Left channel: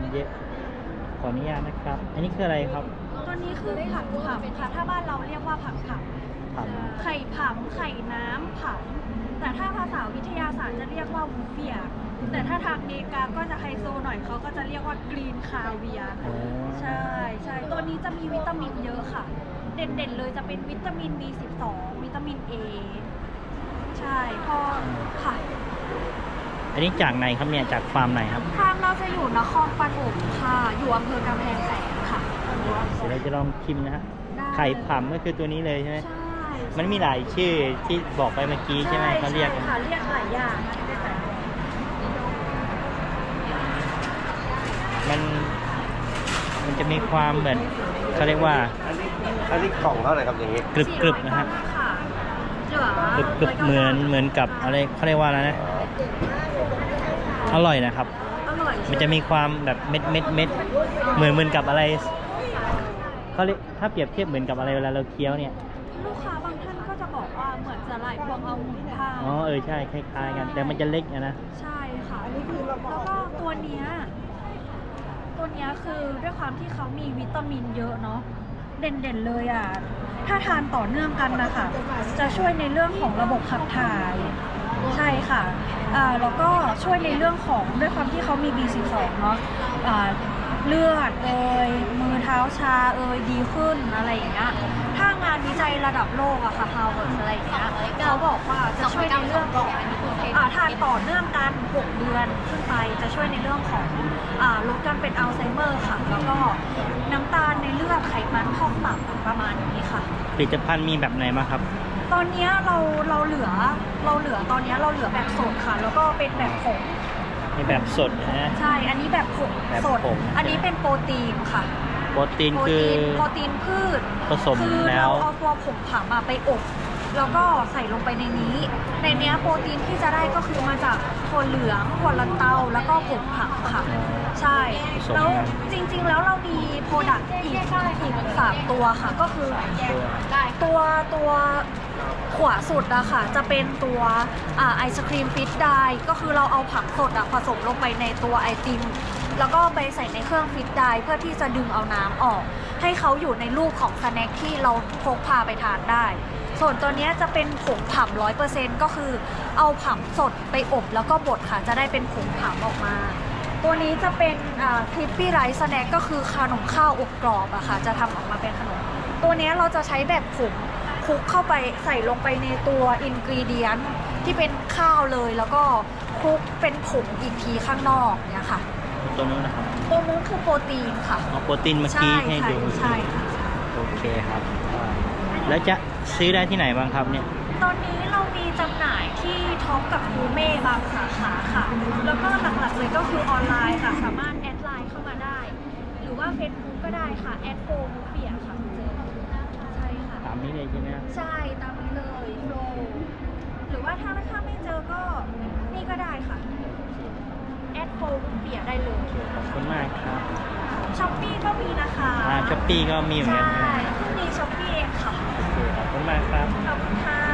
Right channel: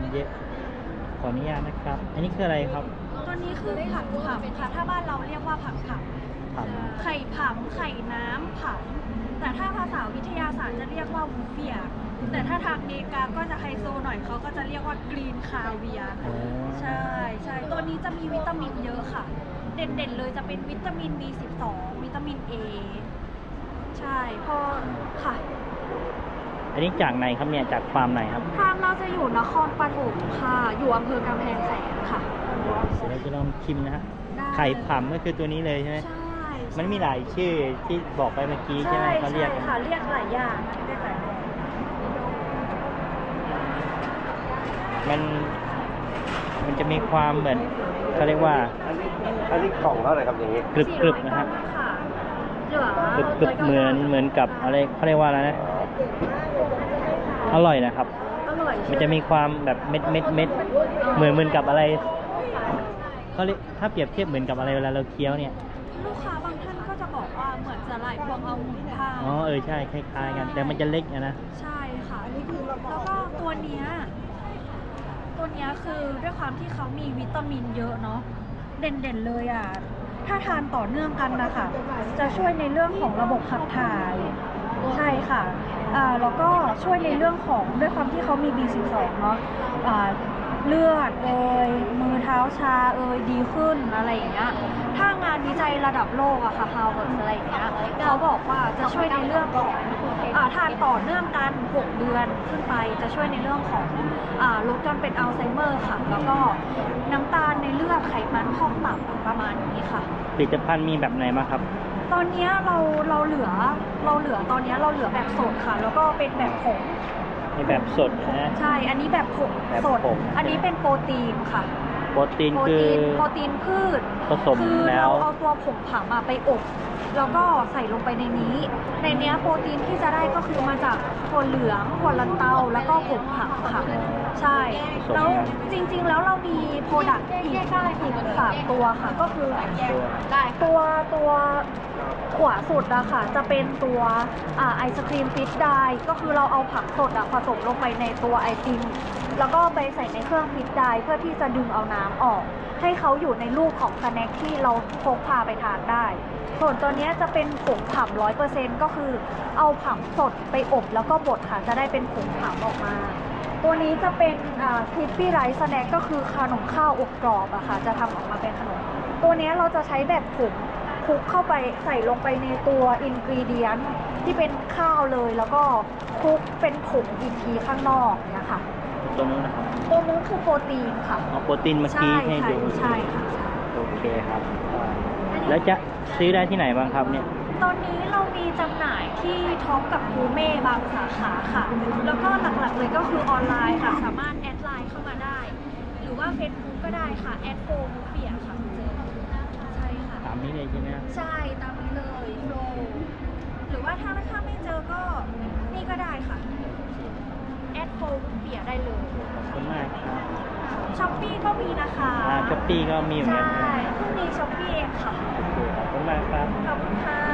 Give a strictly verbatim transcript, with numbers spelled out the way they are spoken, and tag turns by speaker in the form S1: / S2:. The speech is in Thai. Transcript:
S1: เยอะขออนุญาตนะครับ อันนี้คืออะไรครับ
S2: ตัวนี้คือผักผำค่ะถ้าบ้านเราเรียกว่าผักผ
S1: ผัก
S2: ำไข่ผำไข่น้ำผำแต่ถ้าภาษาวิทยาศาสตร์จะเรียกว่าวูเฟียแต่ถ้าทางอเมริกาก็จะไฮโซหน่อยเขาก็จะเรียกว่ากรีนคาเวีย
S1: อ๋อ
S2: ใช่ใช่ตัวนี้จะมีวิตามินเยอะค่ะ เด่นๆเลยจะเป็นวิตามิน บี สิบสอง วิตามิน A ใช่พอค่ะ
S1: อันนี้จากไหนครับเนี่ยจากฟาร์มไหนครับ
S2: ฟาร์มเราจะอยู่นครปฐมค่ะ อยู่อำเภอกำแพงแสนค่ะ
S1: เดี๋ยวเราจะลองชิมนะฮะ
S2: ได้
S1: ไข่ผำก็คือตัวนี้เลยใช่ไหม
S2: ใช่
S1: มันมีหลายชื่อที่บอกไปเมื่อกี้ใช่ไหมเขาเรียก
S2: ใช่ค่ะเรียกหลายอย่างเรียกหลายอย่าง
S1: มันมันจะมีความเหมือนเขาเรียกว่า
S3: อันนี้กล่องเท่าไหร่ครับอย่างนี้
S1: กรึบกรึบๆนะฮะ
S2: ค่ะเหลือก
S1: รึบกรึบๆเหมือนเหมือนกับอะไรเขาเรียกว่าอะไรนะอร่อยนะครับ
S2: อร่อย
S1: มันจะมีความแบบเม็ดเม็ดเม็ดเหมือนเหมือนกับอะไรเขาเรียกถ้าเปรียบเทียบเหมือนกับอะไรเวลาเราเคี้ยวเนี่ย
S2: ลูกค้าบางท่านก็จะบอกว่าเหมือนสลายพวงเอาหมุนทาง
S1: อ๋อเออใช่คล้ายๆกัน แต่มันจะเล็กอะนะ
S2: ใช่ค่ะแล้วก็ตัวเนี้ยตัวเนี้ยคือด้วยความที่เขามีวิตามินเยอะเนาะเด่นๆเลยอ่ะถ้าทานต่อเนื่องกันนะคะจะช่วยในเรื่องของระบบขับถ่ายใช่ค่ะอ่าแล้วก็ช่วยในเรื่องของด้วยความที่เขามี บี สิบสอง เนาะอ่าเลือดเอยมือเท้าชาเอยดีขึ้นอะไรอย่างเงี้ยถ้างานวิจัยระดับโลกอะค่ะ Harvard อะไรอย่างเงี้ยเขาบอกว่าจะช่วยในเรื่องของอ่าทานต่อเนื่องกันหกเดือนขึ้นไปจะช่วยในเรื่องของอ่าลดการเป็นอัลไซเมอร์ค่ะ แล้วก็น้ำตาลในเลือดไขมันพอกตับประมาณนี้ค่ะ
S1: ผลิตภัณฑ์มีแบบไหนบ้างครับ
S2: ตอนเนี้ยเราเราเหลือเราเหลือตอนเนี้ยเราเหลือแบบสดค่ะ แล้วก็เป็นแบบผง
S1: มีแบบสดนะ
S2: ใช่ อันนี้แบบผง
S1: แบบ
S2: สด
S1: ผง
S2: อันนี้เป็นโปรตีนค่ะ
S1: โปรตีน
S2: โปร
S1: คือ
S2: ตีนโปรตีนพืช
S1: ผสม
S2: คือ
S1: แล้
S2: เรา
S1: ว
S2: เอาตัวผงผงมาไปอบ แล้วก็ใส่ลงไปในนี้ ในเนี้ยโปรตีนที่จะได้ก็คือมาจากถั่วเหลืองถั่วลันเตาแล้วก็ผงผักค่ะ ใช่ แล้วจริงๆแล้วเรามีโปรดักต์อีกอีกสามตัวค่ะ ก็คือตัวตัวขวาสุดอะค่ะ จะเป็นตัวอ่าไอศครีมฟิตได้ก็คือเราเอาผักสดอะผสมลงไปในตัวไอติม แล้วก็ไปใส่ในเครื่องฟิตได้เพื่อที่จะดึงเอาน้ำออก ให้เขาอยู่ในรูปของสแน็คที่เราพกพาไปทานได้ ส่วนตัวเนี้ยจะเป็นผงผำร้อยเปอร์เซ็นต์ก็คือเอาผำสดไปอบแล้วก็บดค่ะ จะได้เป็นผงผำออกมา ตัวนี้จะเป็นคลิปปี้ไรซ์สแน็คก็คือขนมข้าวอบกรอบอะค่ะ จะทำออกมาเป็นขนม ตัวเนี้ยเราจะใช้แบบผงคลุกเข้าไปใส่ลงไปในตัวอินกรีเดียนที่เป็นข้าวเลย แล้วก็คลุกเป็นผงอีกทีข้างนอกเนี่ยค่ะ
S1: ตัวนู้นนะครับ
S2: ตัวนู้นคือโปรตีนค่ะ
S1: เอาโปรตีนเมื่อ
S2: ใช่
S1: กี้ให้
S2: ใช่
S1: ดู
S2: ใช่ค่ะ
S1: โอเคครับ แล้วจะซื้อได้ที่ไหนบ้างครับเนี่ย
S2: ตอนนี้เรามีจำหน่ายที่ท็อปกับคูเม่บางสาขาค่ะ แล้วก็หลักๆเลยก็คือออนไลน์ค่ะ สามารถแอดไลน์เข้ามาได้ หรือว่าเฟซบุ๊กก็ได้ค่ะ แอดโฟมูเฟียค่ะเจอใช่ค่ะ
S1: ตามนี้เลยใช่ไหมครับ
S2: ใช่ตามนี้เลยโฟหรือว่าถ้าถ้าไม่เจอก็นี่ก็ได้ค่ะ แอดโฟมูเฟียได้เลย
S1: ขอบคุณมากครับ
S2: ช้อปปี้ก็มีนะคะ
S1: อ่าช้อปปี้ก็มีเหมือน
S2: ใช่
S1: กัน
S2: เพิ่งมีช้อปปี้เองค่ะ
S1: ขอบคุณมากครับ
S2: ขอบคุณค่ะ